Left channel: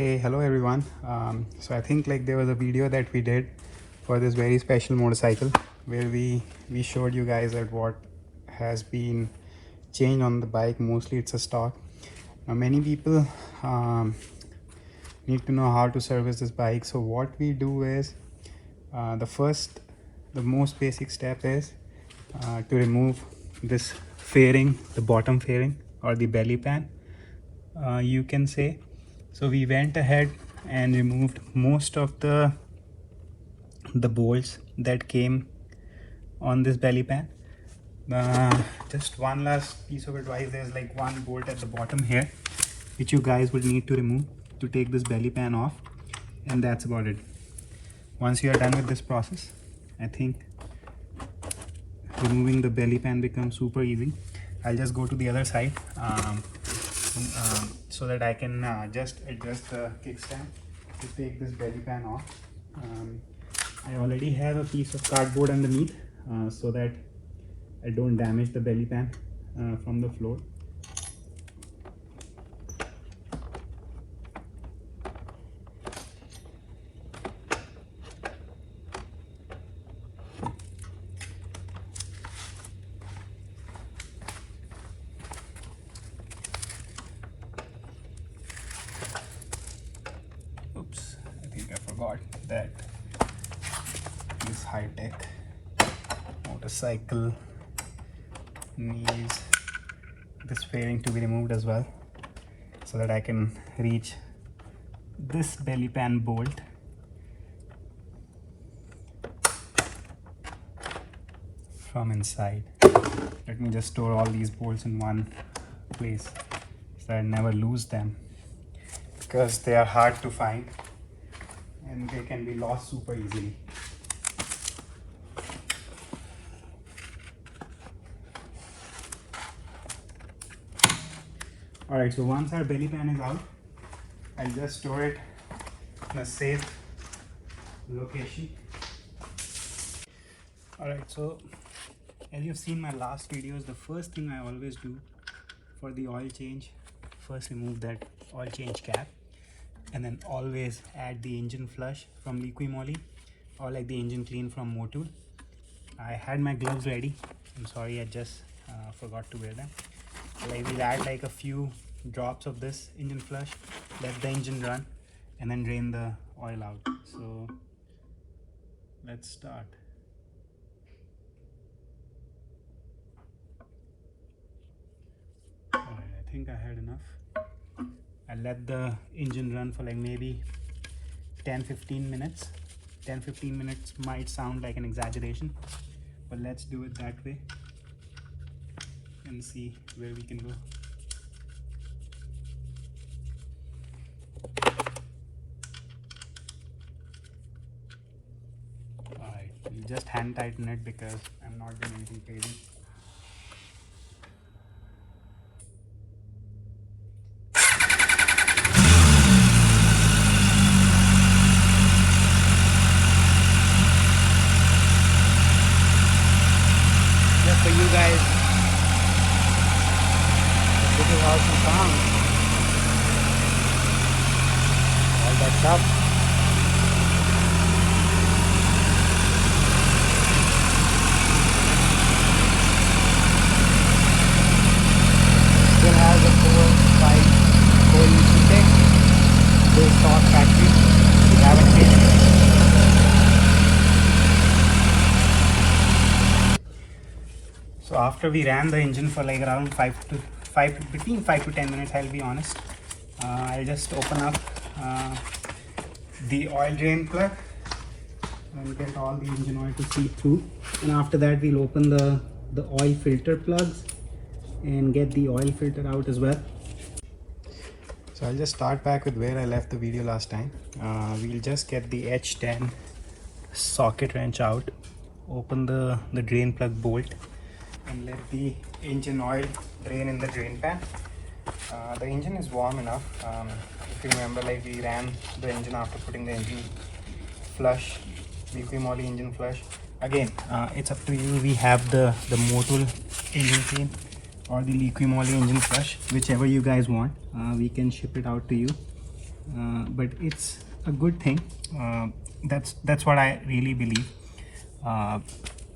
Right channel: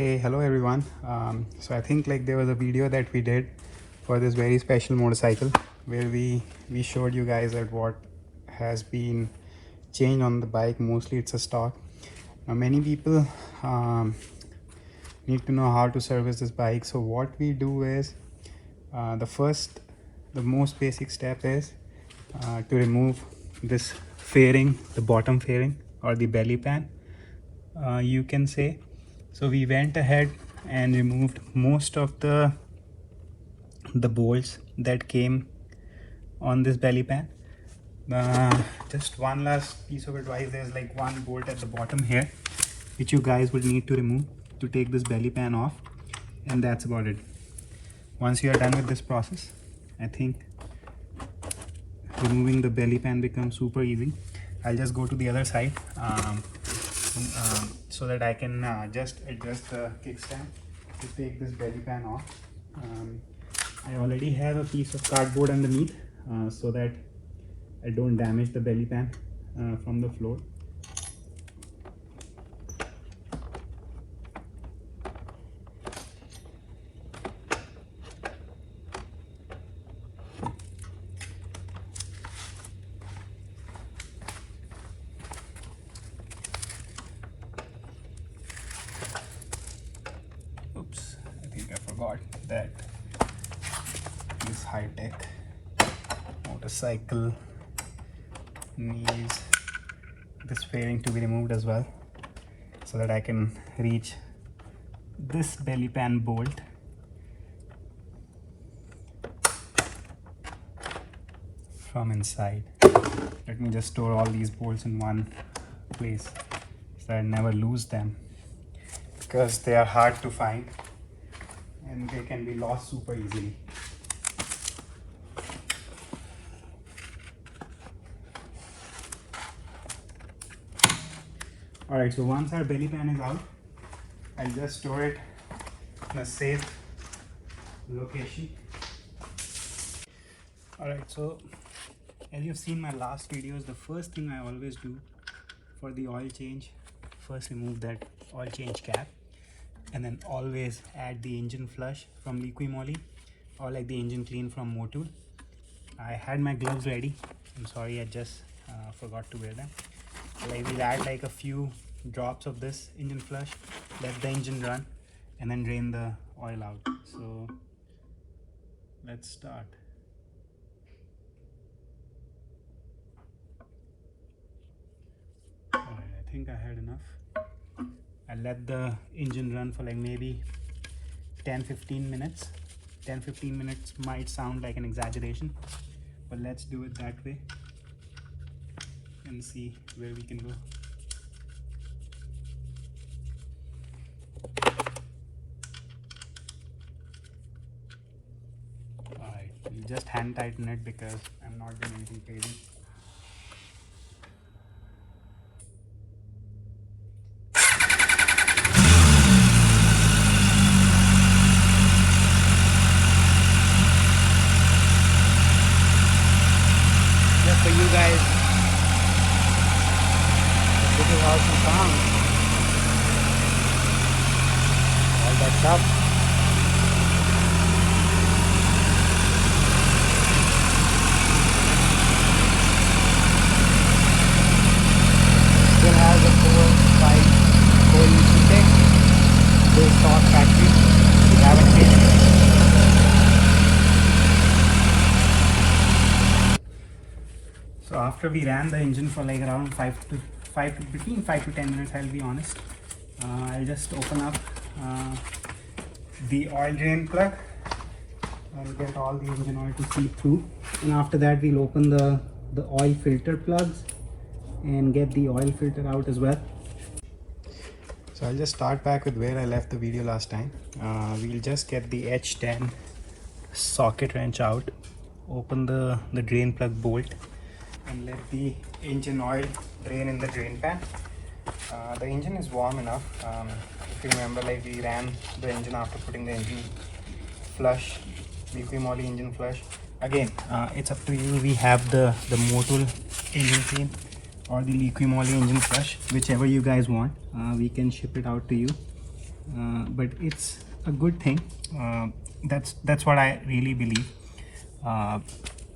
Hey, hello everyone. So I think there was a video that we did for this very special motorcycle where we showed you guys that what has been changed on the bike. Mostly it's a stock. Now many people need to know how to service this bike. So what we do is the most basic step is to remove this fairing, the bottom fairing or the belly pan, you can say. So we went ahead and removed most of the bolts that came on this belly pan. Just one last piece of advice, there's one bolt at the bottom here which you guys would need to remove to take this belly pan off, and that's about it. Once you are done with this process, I think removing the belly pan becomes super easy. I'll just go to the other side so that I can just adjust the kickstand to take this belly pan off. I already have a piece of cardboard underneath so that I don't damage the belly pan from the floor. Oops, I think I forgot that this high-tech motorcycle needs this fairing to be removed as well, so that I can reach this belly pan bolt. From inside. Let me just store all these bolts in one place so that I never lose them, because they are hard to find and they can be lost super easily. Alright, so once our belly pan is out, I'll just store it in a safe location. Alright, so as you've seen my last videos, the first thing I always do for the oil change, first remove that oil change cap, and then always add the engine flush from Liqui Moly or the engine clean from Motul. I had my gloves ready. I'm sorry, I just forgot to wear them. We'll add a few drops of this engine flush, let the engine run, and then drain the oil out. So let's start. Alright, I think I had enough. I'll let the engine run for maybe 10-15 minutes. 10-15 minutes might sound like an exaggeration, but let's do it that way and see where we can go. Alright, we'll just hand tighten it because I'm not doing anything crazy. Just for you guys, this is how she sounds. All that stuff. Still has a 4.5 intake. This stock factory. We haven't changed it. So after we ran the engine for around between 5 to 10 minutes, I'll be honest, I'll just open up the oil drain plug and get all the engine oil to seep through. And after that, we'll open the oil filter plugs and get the oil filter out as well. So I'll just start back with where I left the video last time. We'll just get the H10 socket wrench out, open the drain plug bolt, and let the engine oil drain in the drain pan. The engine is warm enough. If you remember, we ran the engine after putting the engine flush, Liqui Moly engine flush. Again, it's up to you. We have the Motul engine clean or the Liqui Moly engine flush, whichever you guys want. We can ship it out to you. but it's a good thing. That's what I really believe,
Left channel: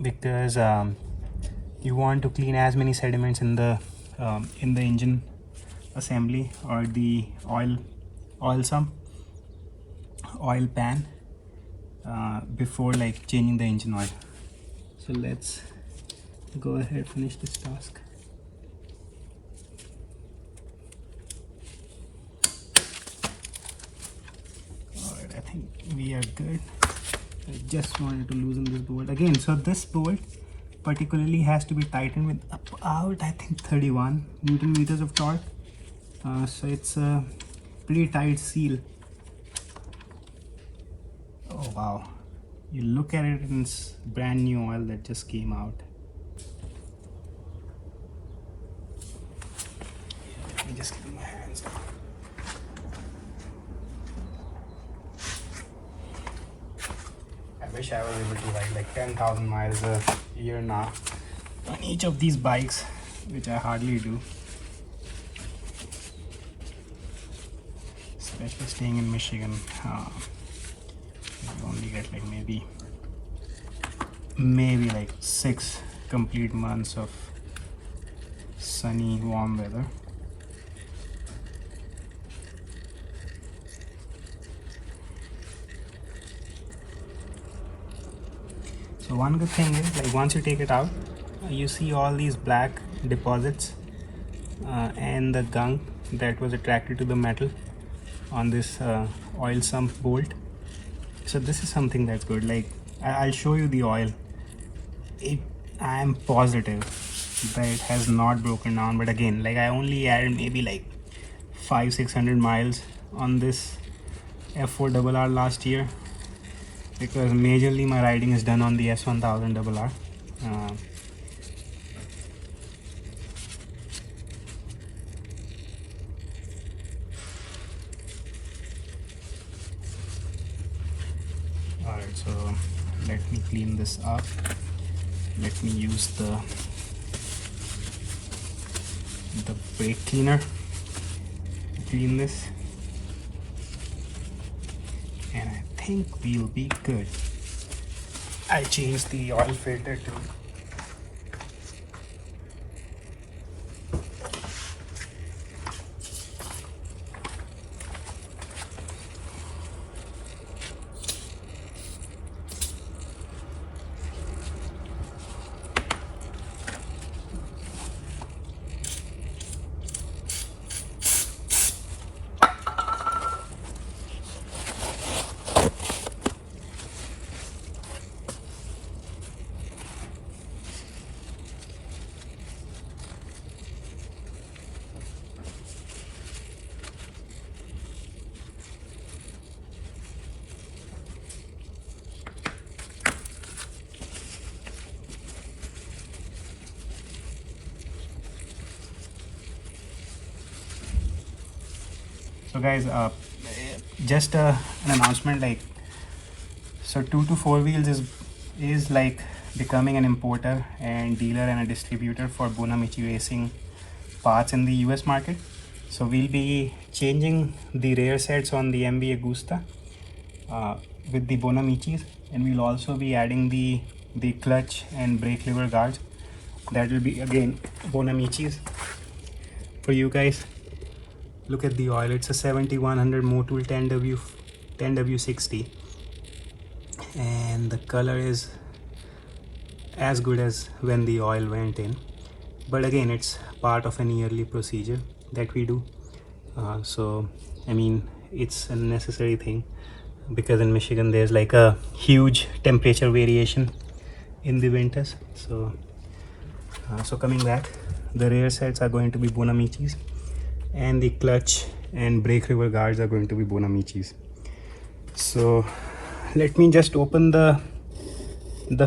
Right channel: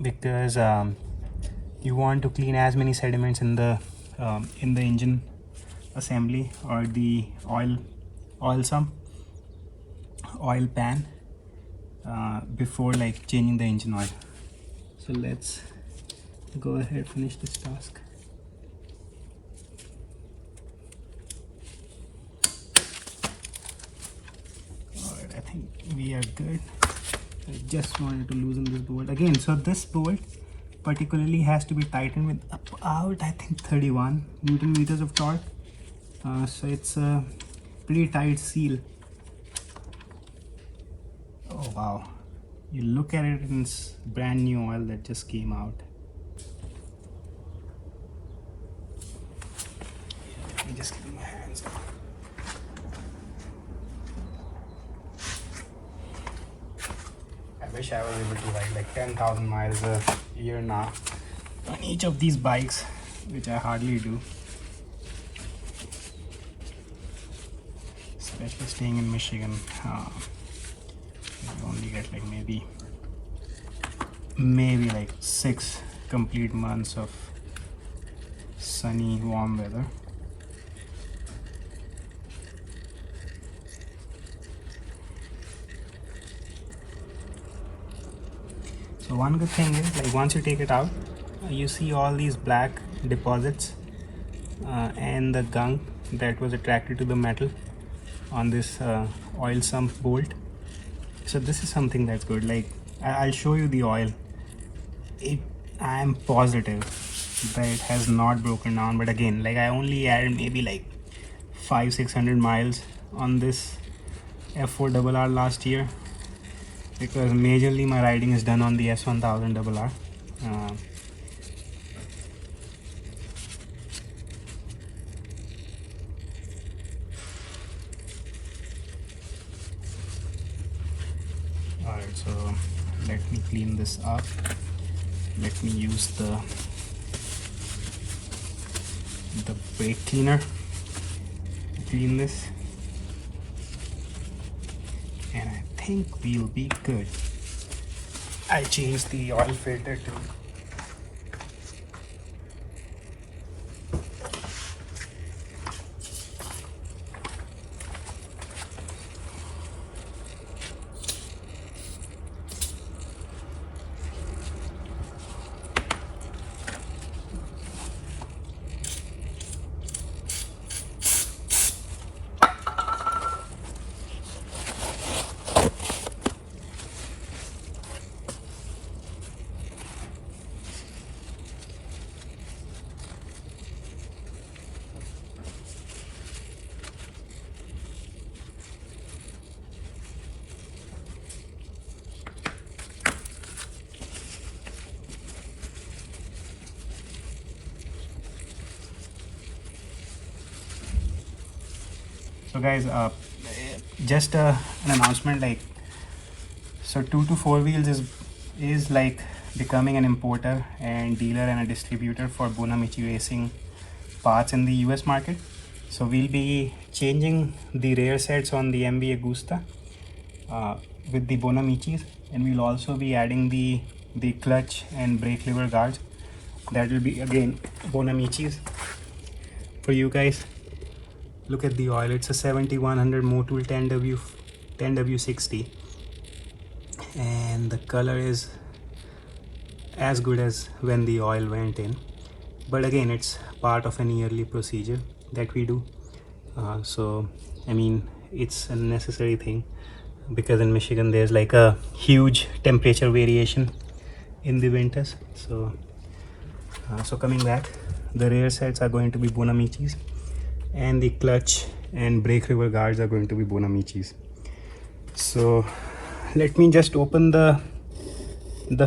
because you want to clean as many sediments in the engine assembly or the oil pan before like changing the engine oil. So let's go ahead, finish this task. Alright, I think we are good. I just wanted to loosen this bolt again. So this bolt particularly has to be tightened with about, I think, 31 Newton meters of torque. So it's a pretty tight seal. Oh wow, you look at it and it's brand new oil that just came out. Let me just get my hands down. I wish I was able to ride like 10,000 miles a year now on each of these bikes, which I hardly do. Especially staying in Michigan, you only get like maybe like 6 complete months of sunny, warm weather. So one good thing is, like, once you take it out, you see all these black deposits and the gunk that was attracted to the metal on this oil sump bolt. So this is something that's good. Like, I'll show you the oil. I am positive that it has not broken down, but again, like, I only added maybe like 500-600 miles on this F4RR last year, because majorly my riding is done on the S1000RR. Alright, so let me clean this up. Let me use the brake cleaner to clean this, and I think we'll be good. I changed the oil filter too. So guys, just an announcement, like, so 2 to 4 wheels is like becoming an importer and dealer and a distributor for Bonamici Racing parts in the US market. So we'll be changing the rear sets on the MV Agusta with the Bonamicis, and we'll also be adding the clutch and brake lever guards. That will be again Bonamicis for you guys. Look at the oil. It's a 7100 Motul 10W60, and the color is as good as when the oil went in, but again, it's part of an yearly procedure that we do. So I mean, it's a necessary thing, because in Michigan there's like a huge temperature variation in the winters. So coming back, the rear sets are going to be Bonamicis, and the clutch and brake lever guards are going to be Bonamicis. So let me just open the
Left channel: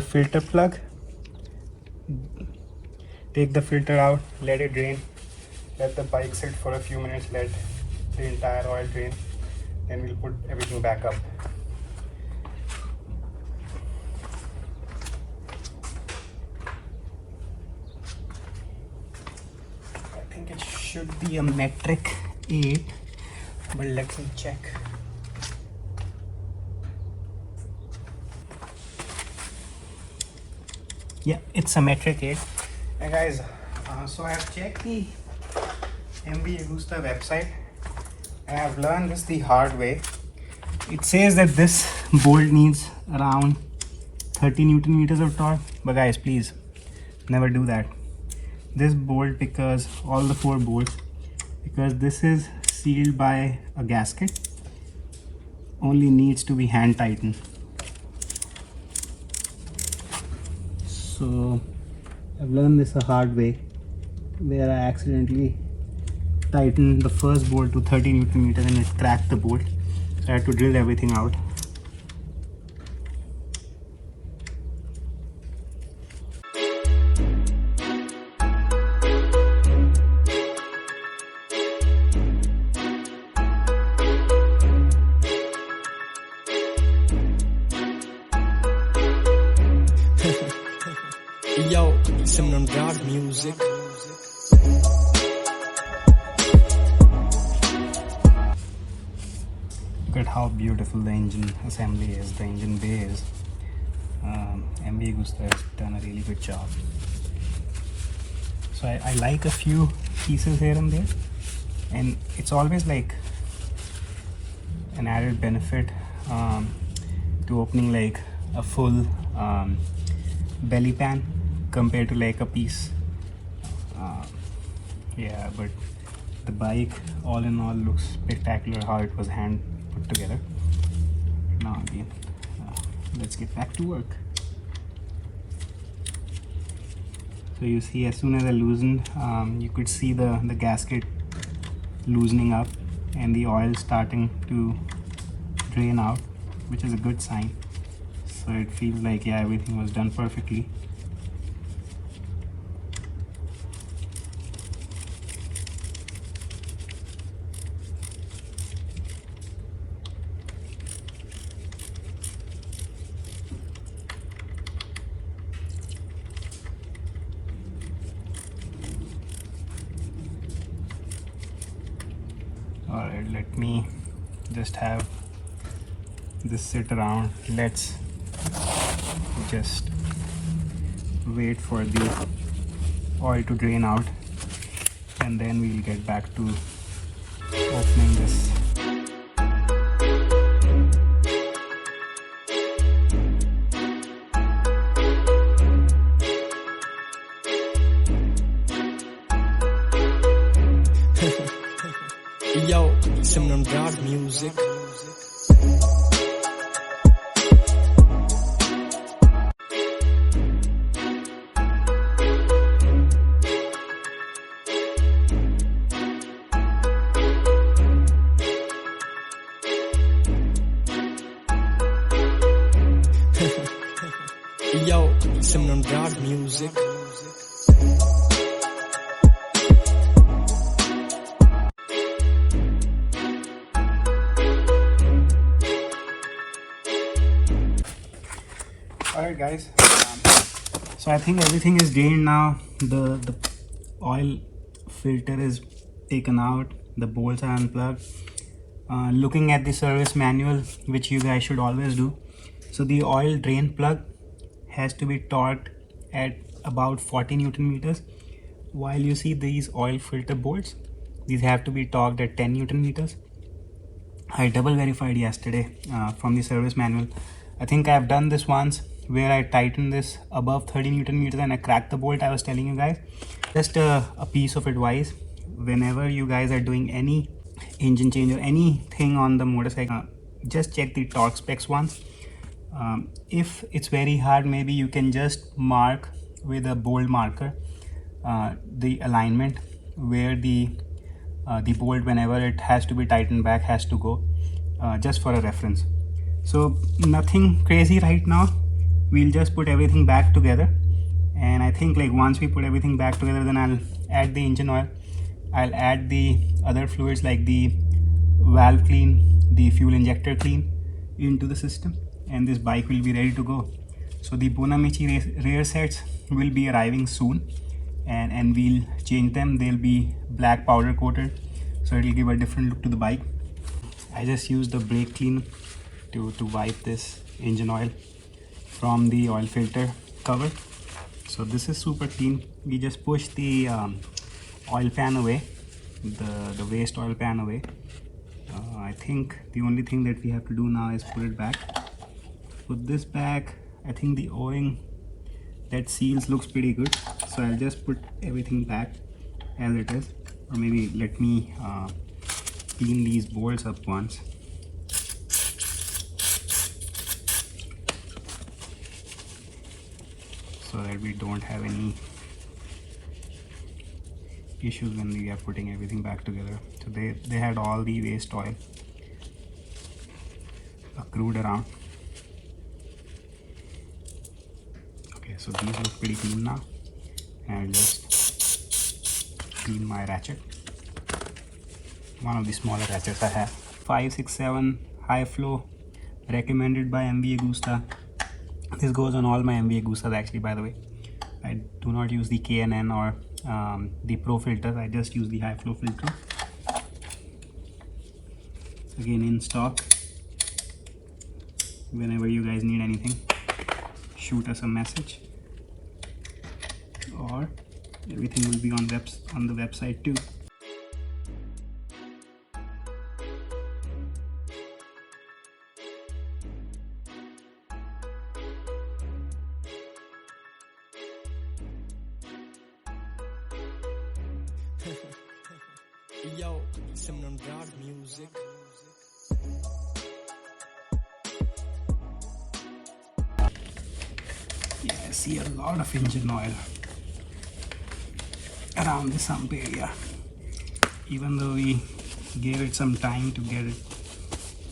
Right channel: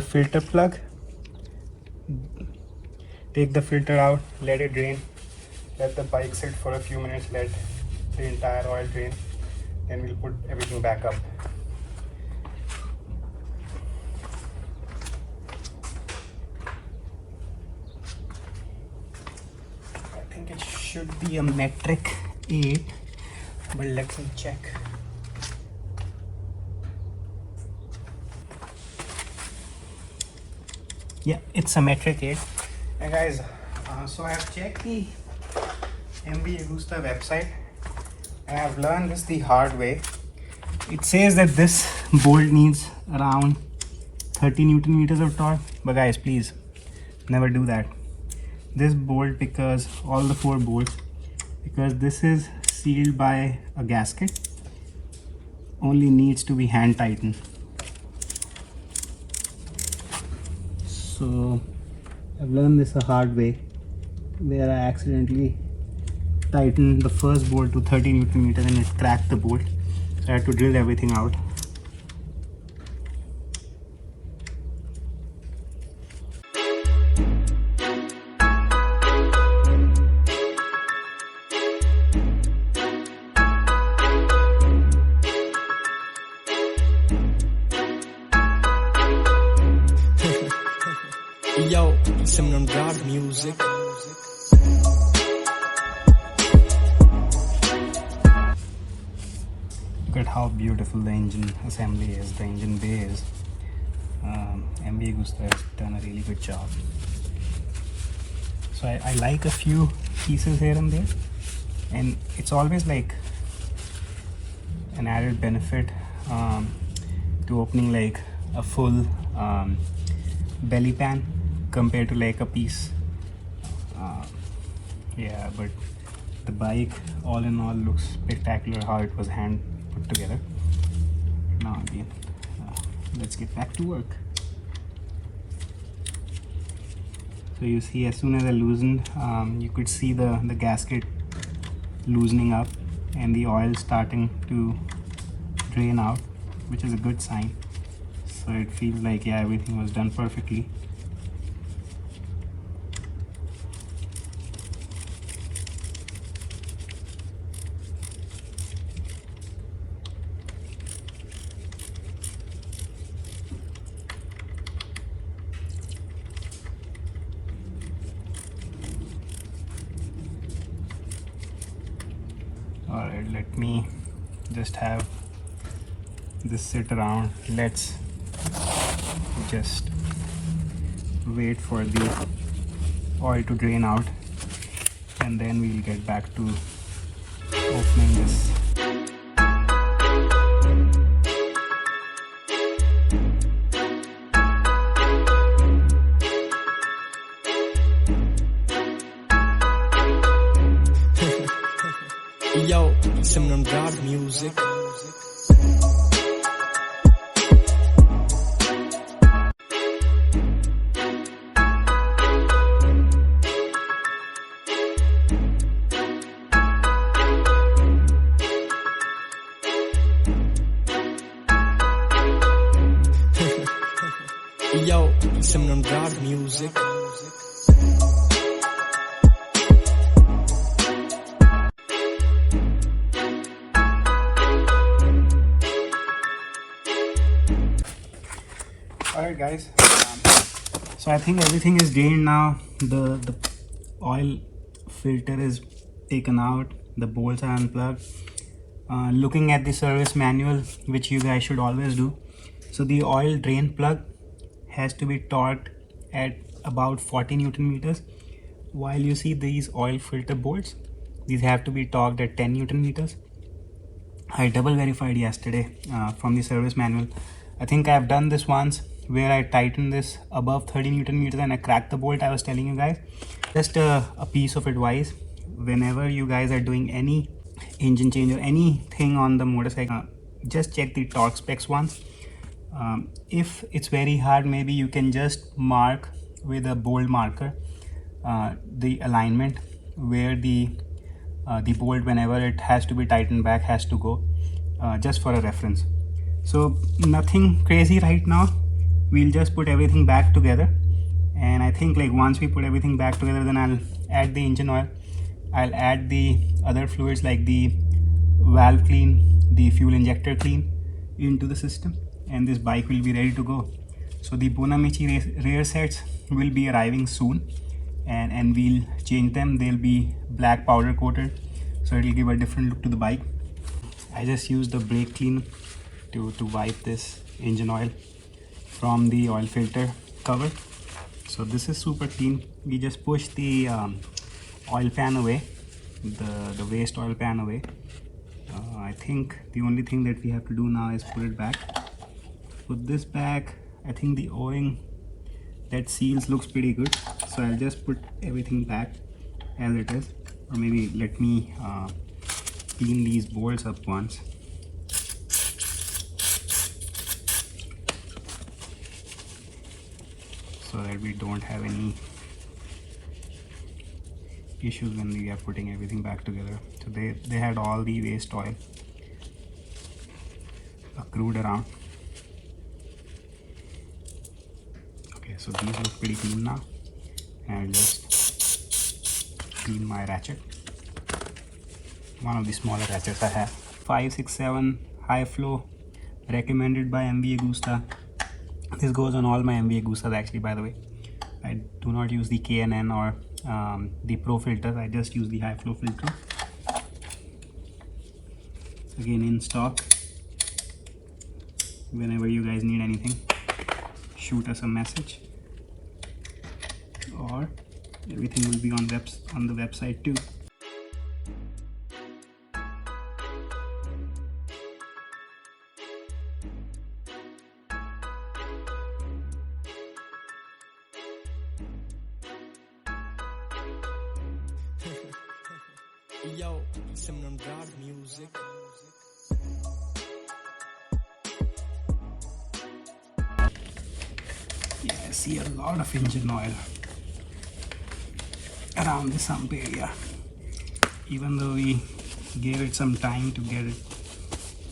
filter plug, take the filter out, let it drain, let the bike sit for a few minutes, let the entire oil drain, then we'll put everything back up. I think it should be a metric 8. but let me check. Yeah, it's symmetric 8. And guys, so I have checked the MV Agusta website and I've learned this the hard way. It says that this bolt needs around 30 Newton meters of torque, but guys, please never do that. This bolt, because all the 4 bolts, because this is sealed by a gasket, only needs to be hand tightened. So I've learned this a hard way, where I accidentally tightened the first bolt to 30 Newton meters and it cracked the bolt. So I had to drill everything out. Yo, some God music. Look at how beautiful the engine assembly is, the engine bay is. MV Agusta has done a really good job. So I like a few pieces here and there, and it's always like an added benefit to opening like a full belly pan compared to like a piece. Yeah, but the bike all in all looks spectacular how it was hand put together. Now again, let's get back to work. So you see, as soon as I loosened, you could see the gasket loosening up and the oil starting to drain out, which is a good sign. So it feels like, yeah, everything was done perfectly. Alright, let me just have this sit around. Let's just wait for the oil to drain out and then we'll get back to opening this. Yo, some God music. Yo, some God music. Alright guys, so I think everything is drained now. The oil filter is taken out, the bolts are unplugged. Looking at the service manual, which you guys should always do, so the oil drain plug has to be torqued at about 40 Newton meters, while you see these oil filter bolts, these have to be torqued at 10 Newton meters. I double verified yesterday from the service manual. I think I have done this once where I tightened this above 30 Newton meters and I cracked the bolt I was telling you guys. Just a piece of advice: whenever you guys are doing any engine change or anything on the motorcycle, just check the torque specs once. If it's very hard, maybe you can just mark with a bold marker the alignment where the bolt, whenever it has to be tightened back, has to go, just for a reference. So nothing crazy right now. We'll just put everything back together, and I think like once we put everything back together, then I'll add the engine oil, I'll add the other fluids like the valve clean, the fuel injector clean into the system, and this bike will be ready to go. So the Bonamici rear sets will be arriving soon, and we'll change them. They'll be black powder coated, so it'll give a different look to the bike. I just used the brake clean to wipe this engine oil from the oil filter cover. So this is super clean. We just push the oil pan away, the waste oil pan away. I think the only thing that we have to do now is put it back. Put this back. I think the O-ring that seals looks pretty good, so I'll just put everything back as it is, or maybe let me clean these bolts up once. So that we don't have any issues when we are putting everything back together. So they had all the waste oil accrued around. Okay, so these look pretty clean now. And I'll just clean my ratchet. One of the smaller ratchets I have. 567 high flow, recommended by MV Agusta. This goes on all my MV Agustas actually, by the way. I do not use the K&N or the Pro filters. I just use the high flow filter. Again, in stock. Whenever you guys need anything, shoot us a message, or everything will be on the website too. Yo, some God music. Yeah, I see a lot of engine oil around the sump area, even though we gave it some time to get it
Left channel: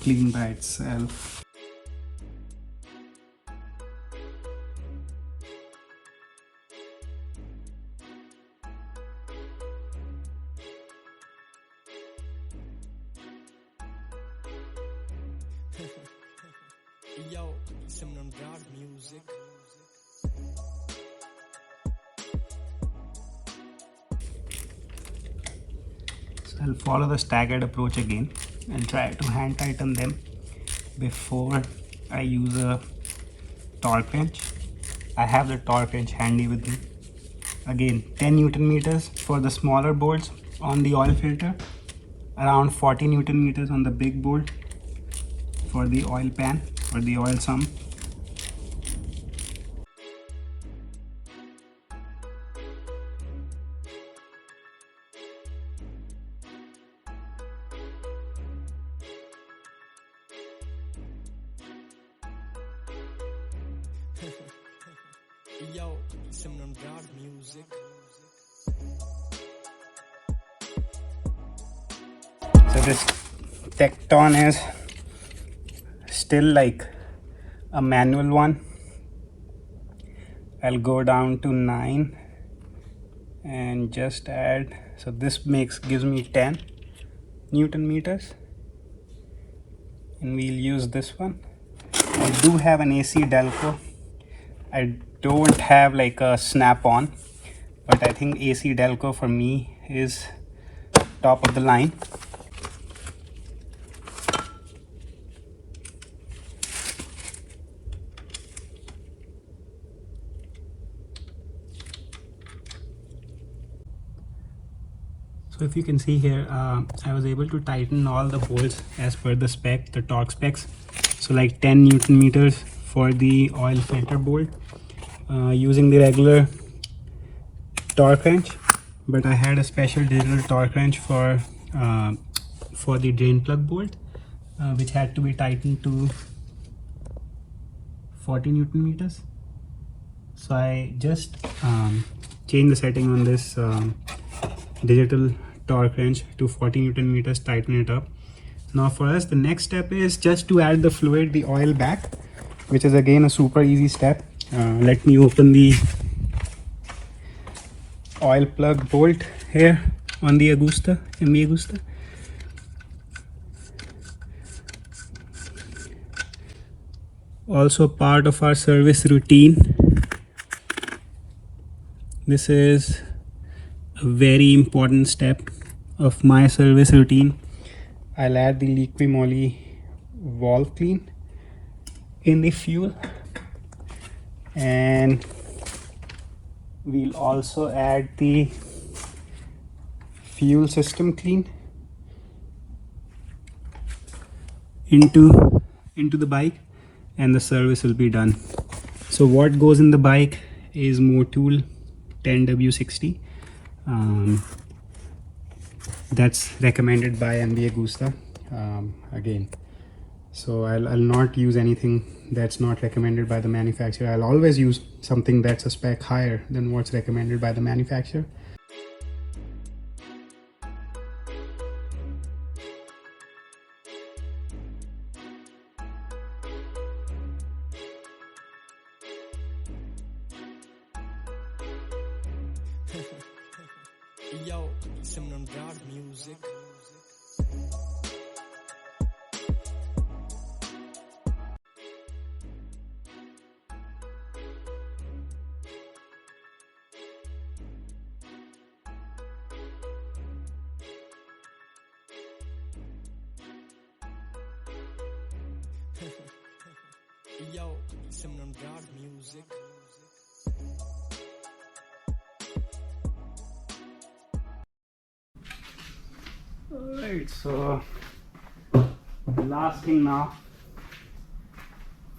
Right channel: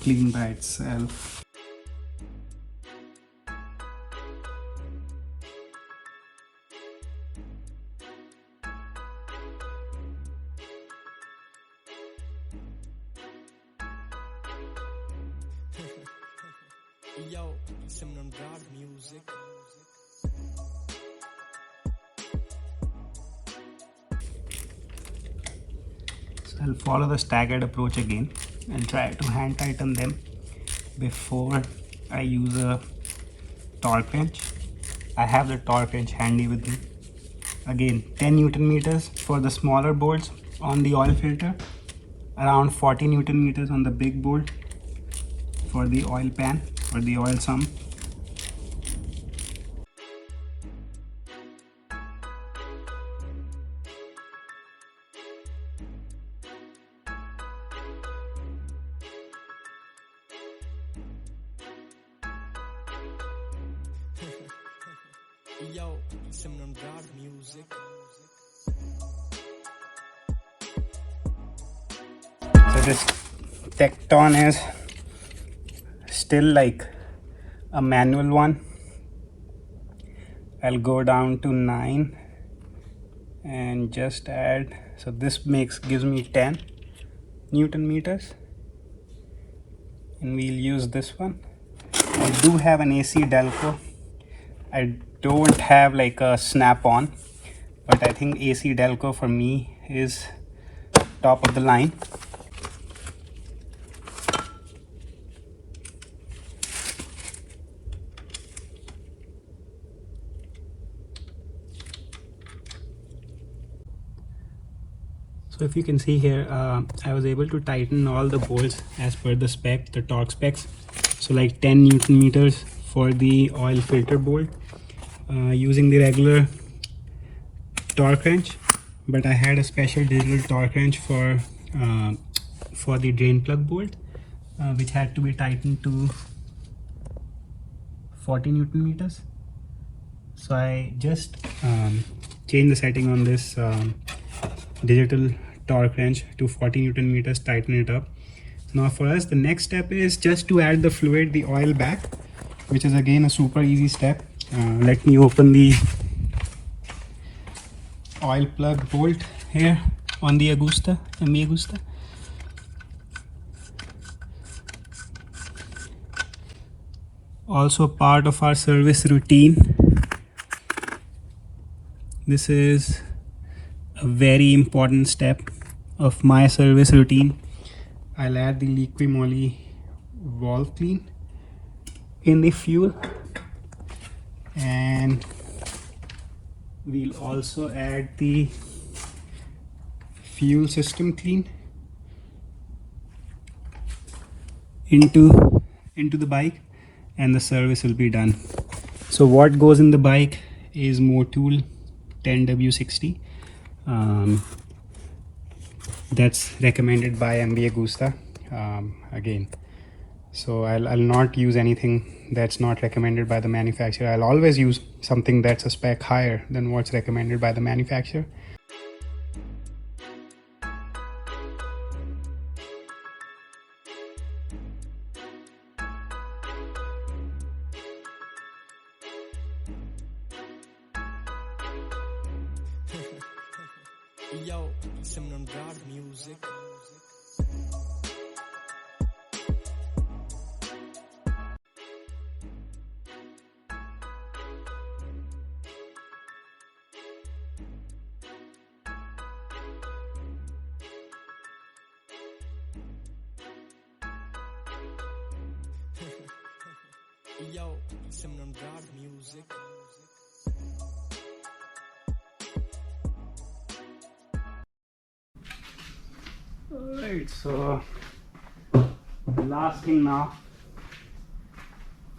clean by itself. Yo, some God music. So I'll follow the staggered approach again and try to hand tighten them before I use a torque wrench. I have the torque wrench handy with me. Again, 10 Newton meters for the smaller bolts on the oil filter, around 40 Newton meters on the big bolt for the oil pan or the oil sump. Yo, some God music. So this Tecton is still like a manual one. I'll go down to 9 and just add, so this gives me 10 Newton meters, and we'll use this one. I do have an AC Delco. I don't have like a snap-on, but I think AC Delco for me is top of the line. So if you can see here, I was able to tighten all the bolts as per the spec, the torque specs. So like 10 Newton meters for the oil filter bolt using the regular torque wrench, but I had a special digital torque wrench for the drain plug bolt, which had to be tightened to 40 Newton meters. So I just changed the setting on this digital torque wrench to 40 Newton meters, tighten it up. Now for us, the next step is just to add the fluid, the oil back, which is again a super easy step. Let me open the oil plug bolt here on the Agusta, MV Agusta. Also part of our service routine. This is a very important step of my service routine. I'll add the Liqui Moly valve clean in the fuel, and we'll also add the fuel system clean into the bike, and the service will be done. So what goes in the bike is Motul 10W60. That's recommended by MV Agusta. Again, so I'll not use anything that's not recommended by the manufacturer. I'll always use something that's a spec higher than what's recommended by the manufacturer. Yo, some rad music. Yo, some rad music. Alright, so the last thing now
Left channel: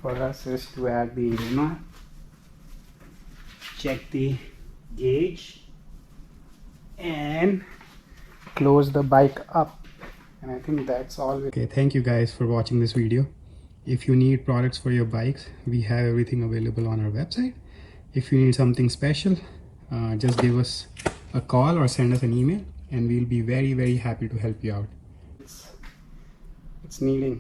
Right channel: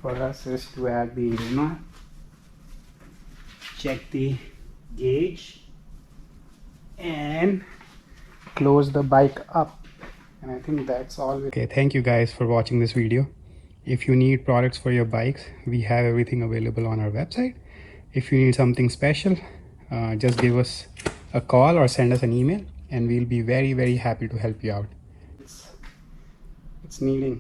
for us is to add the engine, check the gauge, and close the bike up. And I think that's all. Okay, thank you guys for watching this video. If you need products for your bikes, we have everything available on our website. If you need something special, just give us a call or send us an email, and we'll be very happy to help you out. It's needing